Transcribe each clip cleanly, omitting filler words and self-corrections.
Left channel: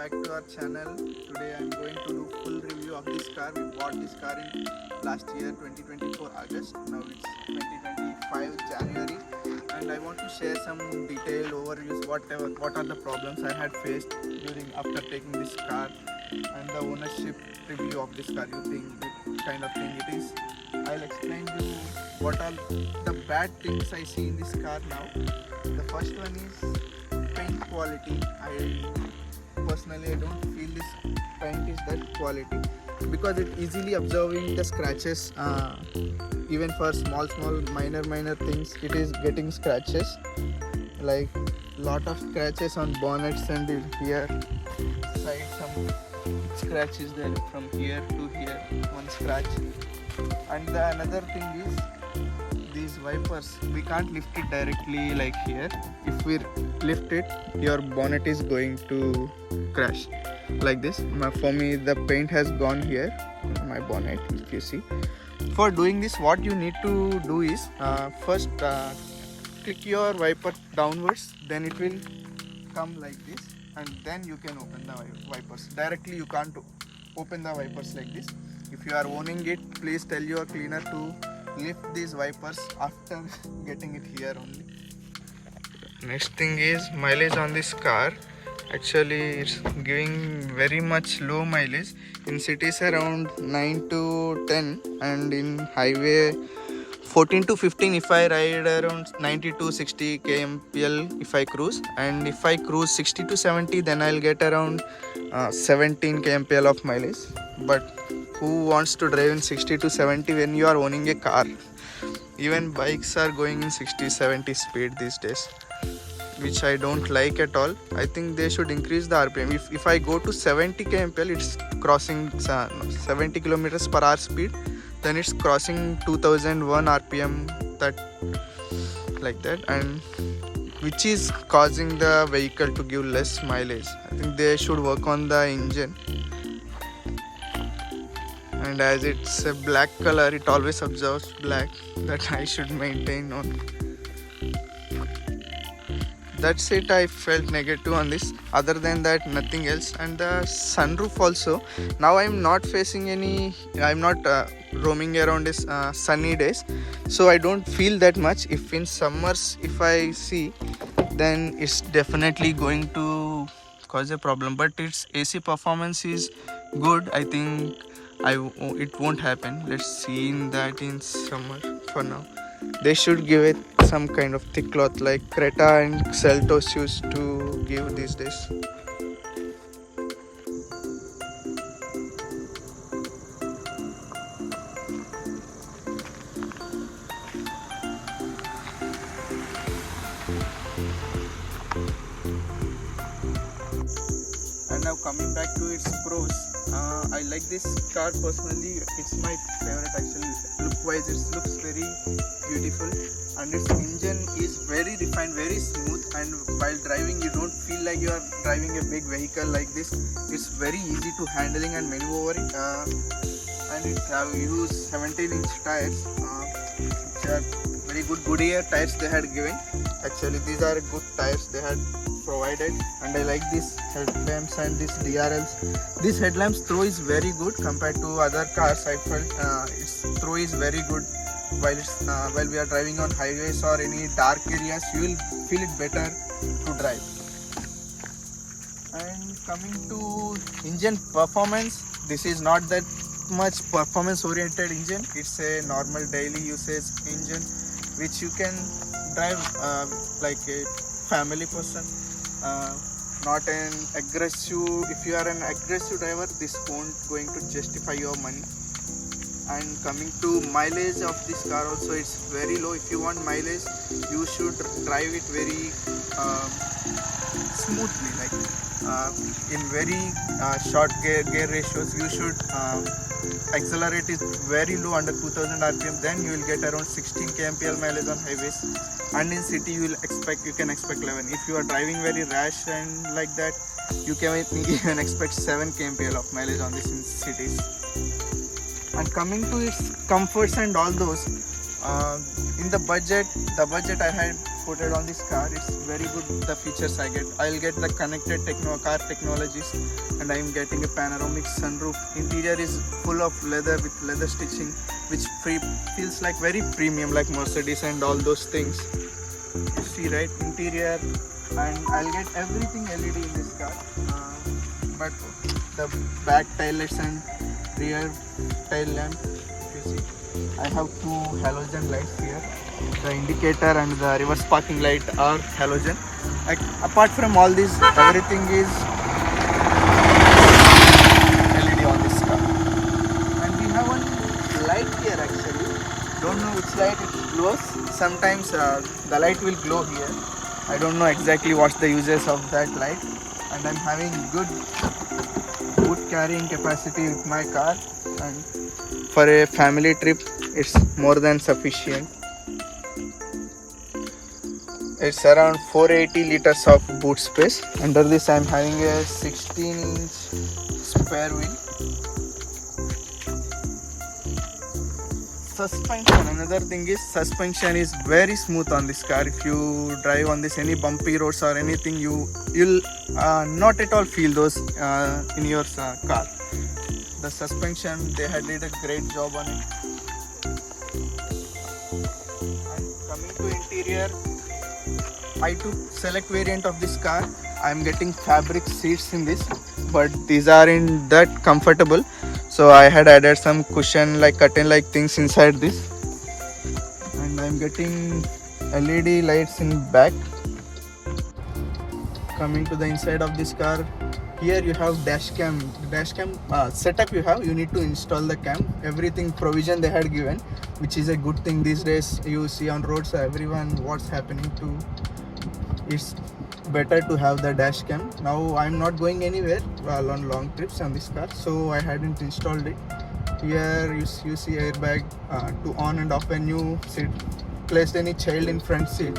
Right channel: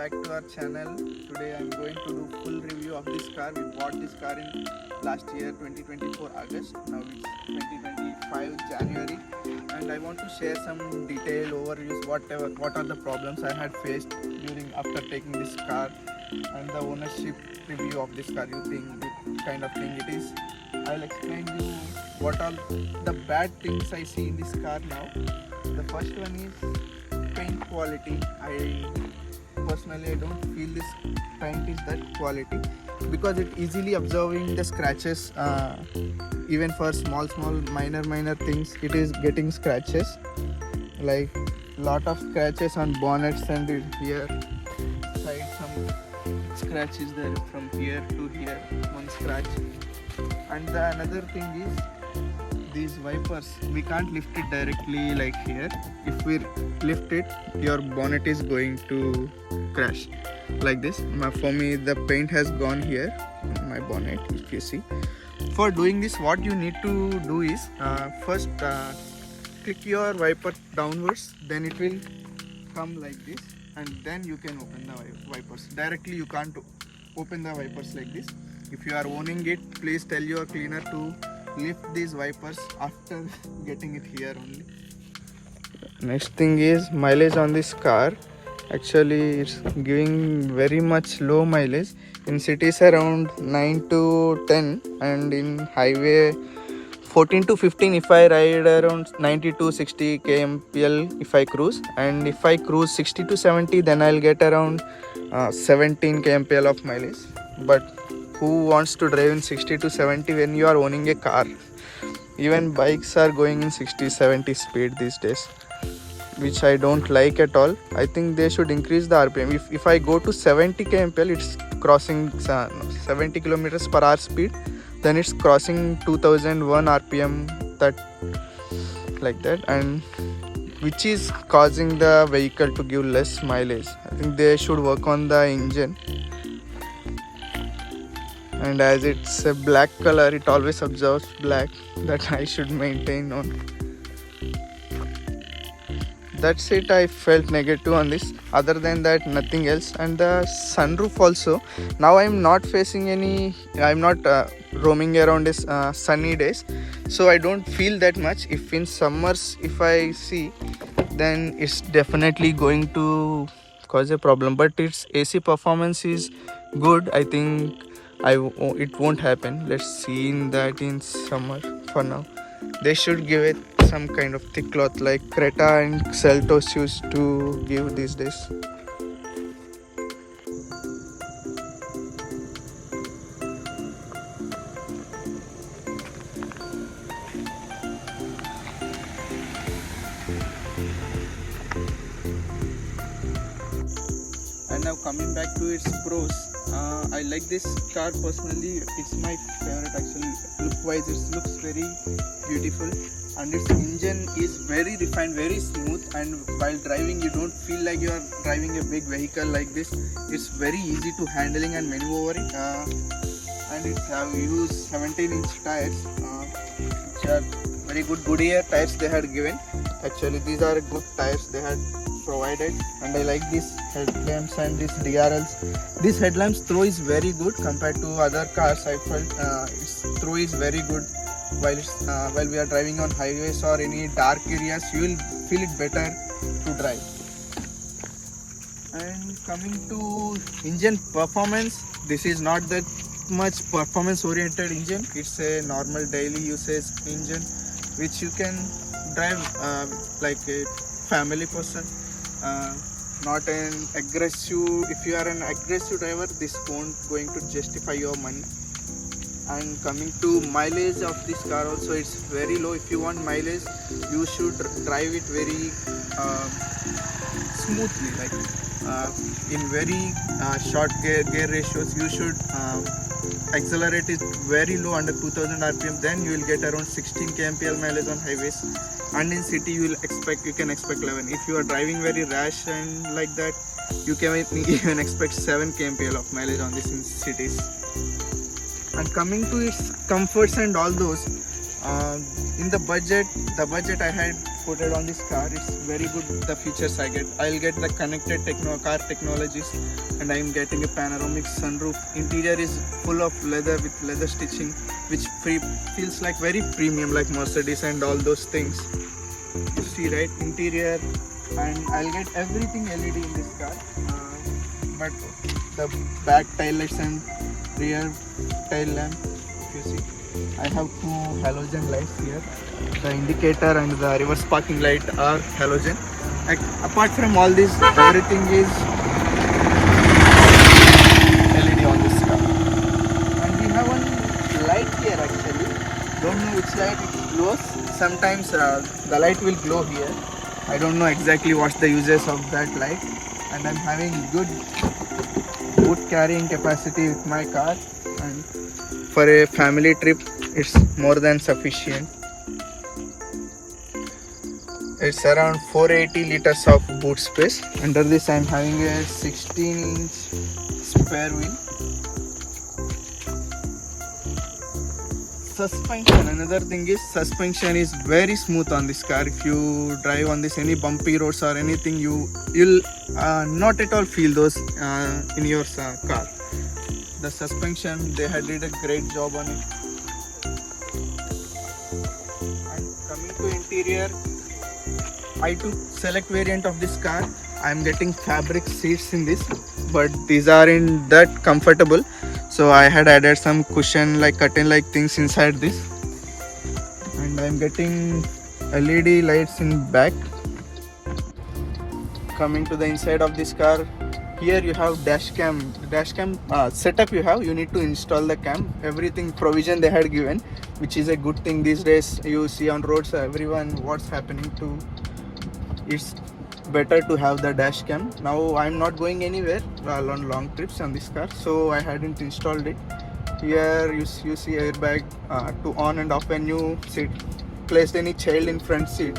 back to our channel. Today I'm going to do full review of this car. We bought this car in last year 2024 August. Now it's 2025 January, and I want to share some detailed overviews. What are the problems I had faced after taking this car, and the ownership review of this car. You think it kind of thing it is. I'll explain you what are the bad things I see in this car now. The first one is paint quality. I personally don't feel this paint is that quality because it easily absorbing the scratches. Even for small minor things, it is getting scratches, like lot of scratches on bonnets, and here side some scratches there from here to here, one scratch. And another thing is these wipers, we can't lift it directly like here. If we lift it, your bonnet is going to crash like this. For me, the paint has gone here on my bonnet, if you see. For doing this, what you need to do is first click your wiper downwards, then it will come like this, and then you can open the wipers. Directly you can't open the wipers like this. If you are owning it, please tell your cleaner to lift these wipers after getting it here only. Next thing is mileage on this car. Actually, it's giving very much low mileage. In cities around 9 to 10, and in highway 14 to 15 if I ride around 90 to 60 kmpl if I cruise, and if I cruise 60 to 70, then I'll get around 17 kmpl of mileage. But who wants to drive in 60 to 70 when you are owning a car? Even bikes are going in 60-70 speed these days, which I don't like at all. I think they should increase the RPM. If I go to 70 kmpl, it's crossing 70 kilometers per hour speed, then it's crossing 2001 RPM, that like that, and which is causing the vehicle to give less mileage. I think they should work on the engine. And as it's a black color, it always absorbs black, that I should maintain on. That's it. I felt negative on this. Other than that, nothing else. And the sunroof also, now I'm not facing any, I'm not roaming around this sunny days, so I don't feel that much. If in summers if I see, then it's definitely going to cause a problem. But its AC performance is good. I think it won't happen. Let's see in that in summer. For now, they should give it some kind of thick cloth like Creta and Seltos used to give these days. And now coming back to its pros, I like this car personally. It's my favorite actually. Look wise, it looks very beautiful, and its engine is very refined, very smooth, and while driving you don't feel like you are driving a big vehicle like this. It's very easy to handling and maneuver it, and it have used 17-inch tires, which are very good Goodyear tires they had given. Actually, these are good tires they had provided, and I like these headlamps and these DRLs. This headlamps throw is very good compared to other cars. I felt its throw is very good while we are driving on highways or any dark areas. You will feel it better to drive. And coming to engine performance, this is not that much performance oriented engine. It's a normal daily usage engine which you can drive like a family person, not an aggressive. If you are an aggressive driver, this won't going to justify your money. And coming to mileage of this car also, it's very low. If you want mileage, you should drive it very smoothly, like in very short gear ratios. You should accelerate it very low, under 2000 RPM, then you will get around 16 kmpl mileage on highways, and in city you can expect 11. If you are driving very rash and like that, you can even expect 7 kmpl of mileage on this in cities. And coming to its comforts and all those, in the budget I had put it on this car. It's very good, the features I get. I'll get the connected car technologies, and I'm getting a panoramic sunroof. Interior is full of leather with leather stitching, which feels like very premium, like Mercedes and all those things. You see, right? Interior, and I'll get everything LED in this car. But the back tail lights and rear tail lamp, if you see, I have two halogen lights here. The indicator and the reverse parking light are halogen. Apart from all this, everything is LED on this car. And we have one light here actually. Don't know which light it glows. Sometimes the light will glow here. I don't know exactly what's the uses of that light. And I'm having good boot carrying capacity with my car, and for a family trip it's more than sufficient. It's around 480 liters of boot space. Under this I'm having a 16-inch spare wheel. Suspension, another thing is suspension is very smooth on this car. If you drive on this any bumpy roads or anything, you'll not at all feel those in your car. The suspension, they had did a great job on it. And coming to interior, I took select variant of this car. I'm getting fabric seats in this, but these aren't that comfortable. So I had added some cushion like curtain like things inside this, and I'm getting LED lights in back. Coming to the inside of this car, here you have dash cam setup. You need to install the cam. Everything provision they had given, which is a good thing these days. You see on roads everyone what's happening to. It's better to have the dash cam. Now I'm not going anywhere on long trips on this car, so I hadn't installed it. Here you see airbag to on and off. When you placed any child in front seat,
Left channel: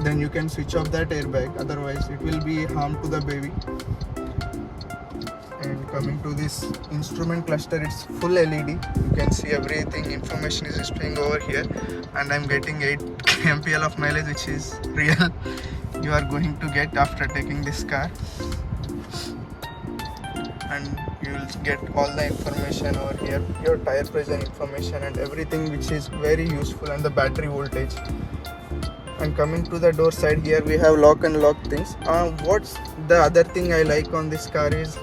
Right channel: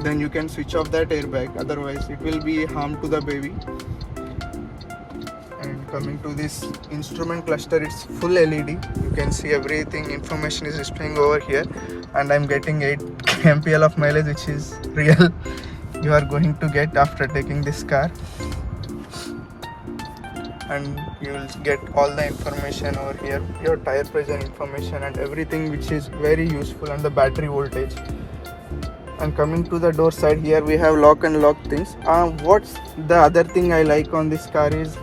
then you can switch off that airbag, otherwise it will be harm to the baby. And coming to this instrument cluster, it's full LED. You can see everything, information is displaying over here, and I'm getting 8 mpl of mileage, which is real. You are going to get after taking this car, and you will get all the information over here, your tire pressure information and everything, which is very useful, and the battery voltage. And coming to the door side, here we have lock and lock things. What's the other thing I like on this car is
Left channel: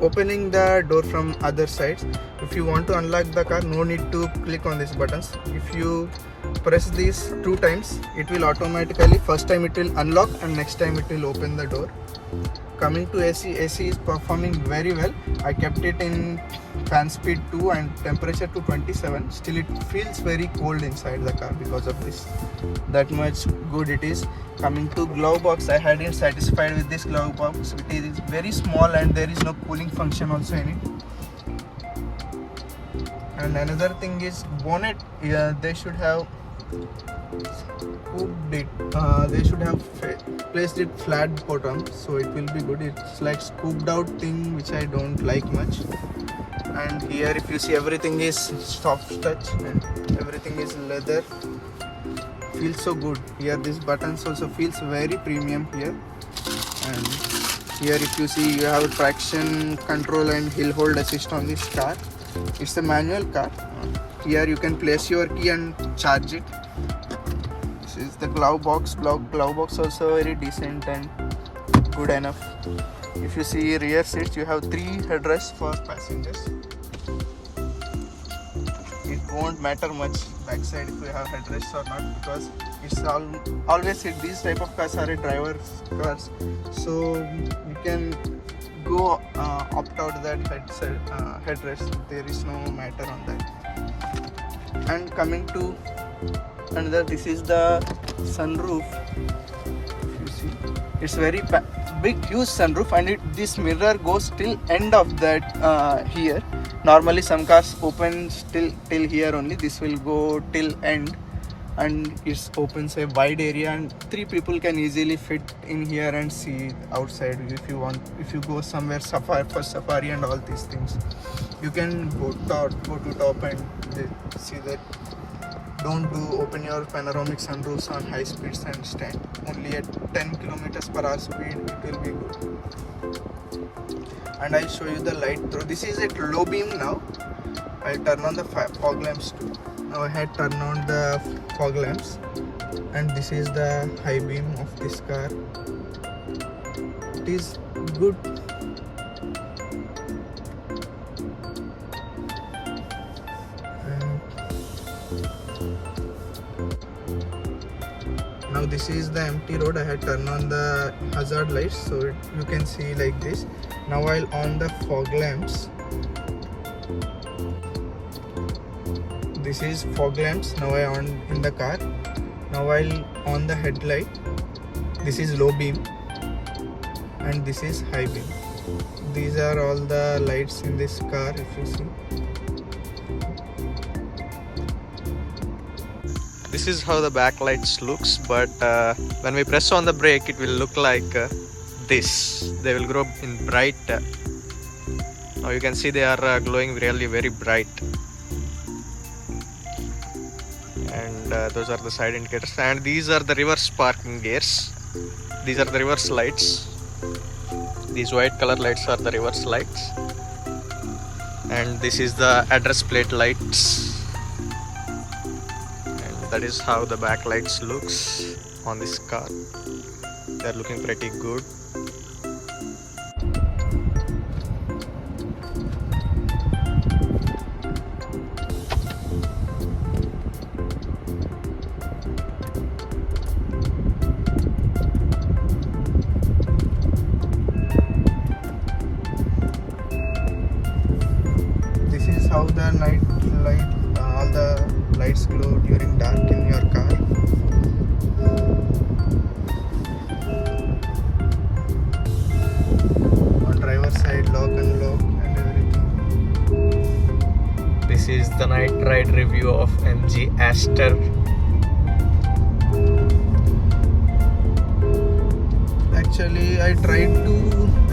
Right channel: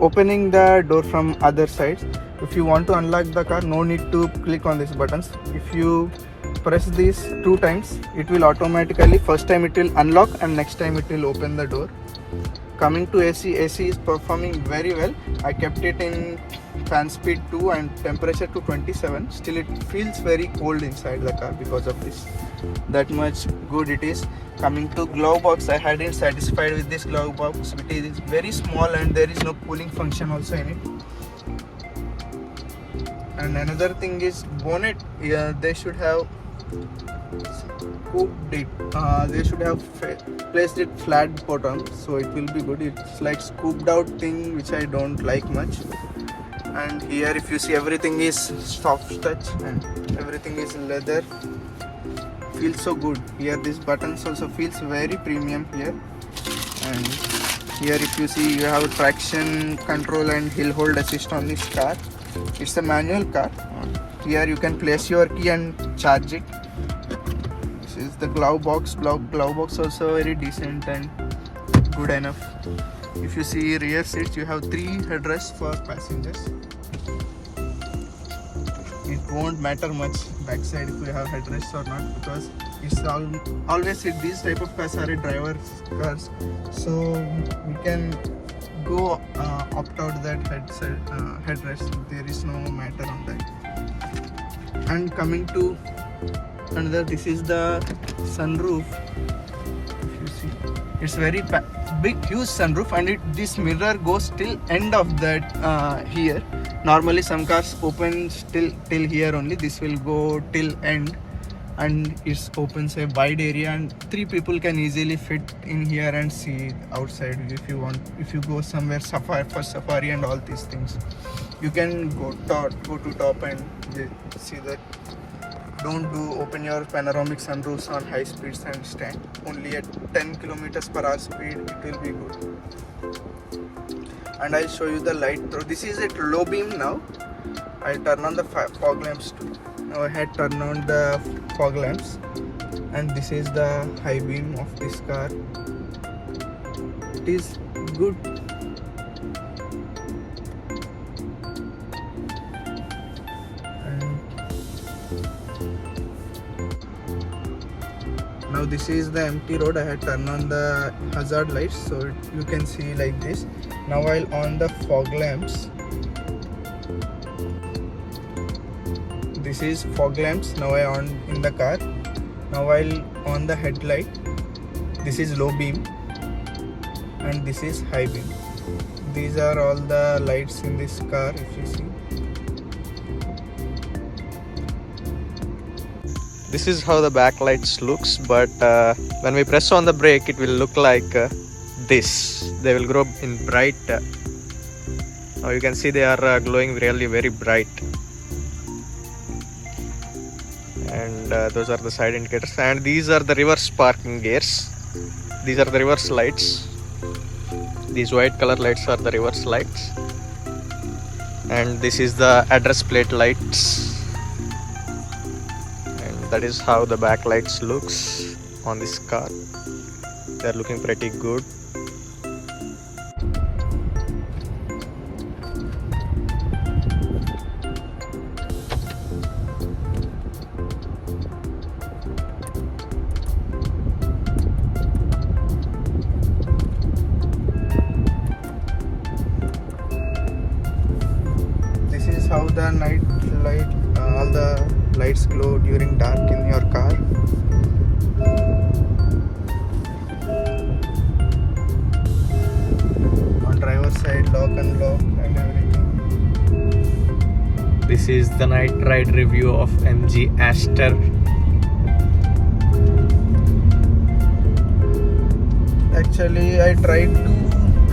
opening the door from other sides. If you want to unlock the car, no need to click on these buttons. If you press these 2 times, it will automatically, first time it will unlock and next time it will open the door. Coming to AC is performing very well. I kept it in fan speed 2 and temperature to 27. Still it feels very cold inside the car because of this. That much good it is. Coming to glove box, I hadn't satisfied with this glove box. It is very small and there is no cooling function also in it. And another thing is bonnet. Yeah, they should have scooped it. They should have placed it flat bottom, so it will be good. It's like scooped out thing, which I don't like much. And here if you see, everything is soft touch and everything is leather. Feels so good. Here this buttons also feels very premium here. And here if you see, you have traction control and hill hold assist on this car. It's a manual car. Here you can place your key and charge it. This is the glove box. Glove box also very decent and good enough. If you see rear seats, you have 3 headrests for passengers. It won't matter much backside if you have headrests or not, because it's always like these type of cars are driver's cars, so you can go opt out that headrest. There is no matter on that. And coming to another, this is the sunroof. You see, it's very big, huge sunroof, and this mirror goes till end of that here. Normally some cars open till here only. This will go till end, and it opens a wide area, and 3 people can easily fit in here and see outside if you want. If you go somewhere for safari and all these things, you can go to top and see that don't do open your panoramic sunroofs on high speeds and stand. Only at 10 kilometers per hour speed it will be good. And I'll show you the light through. This is at low beam now. I'll turn on the fog lamps too. Now I had turned on the fog lamps, and this is the high beam of this car. It is good. Now this is the empty road. I had turned on the hazard lights, so you can see like this. Now I'll on the fog lamps. This is fog lamps. Now I on in the car. Now I'll on the headlight. This is low beam and this is high beam. These are all the lights in this car, if you see. This is how the backlights looks, but when we press on the brake it will look like this. They will grow in bright. Now you can see they are glowing really very bright. And those are the side indicators, and these are the reverse parking gears. These are the reverse lights. These white color lights are the reverse lights, and this is the address plate lights. That is how the backlights looks on this car. They are looking pretty good. This is how the night light, all the lights glow during dark in your car. On driver side, lock and lock and everything. This is the night ride review of MG ASTOR. Actually, I tried to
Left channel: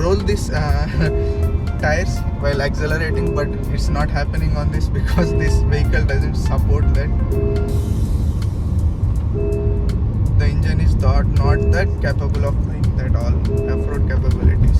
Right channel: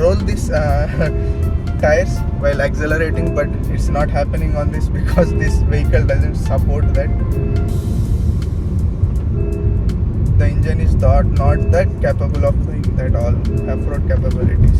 roll this tires while accelerating, but it's not happening on this because this vehicle doesn't support that. The engine is not that capable of doing that all off-road capabilities.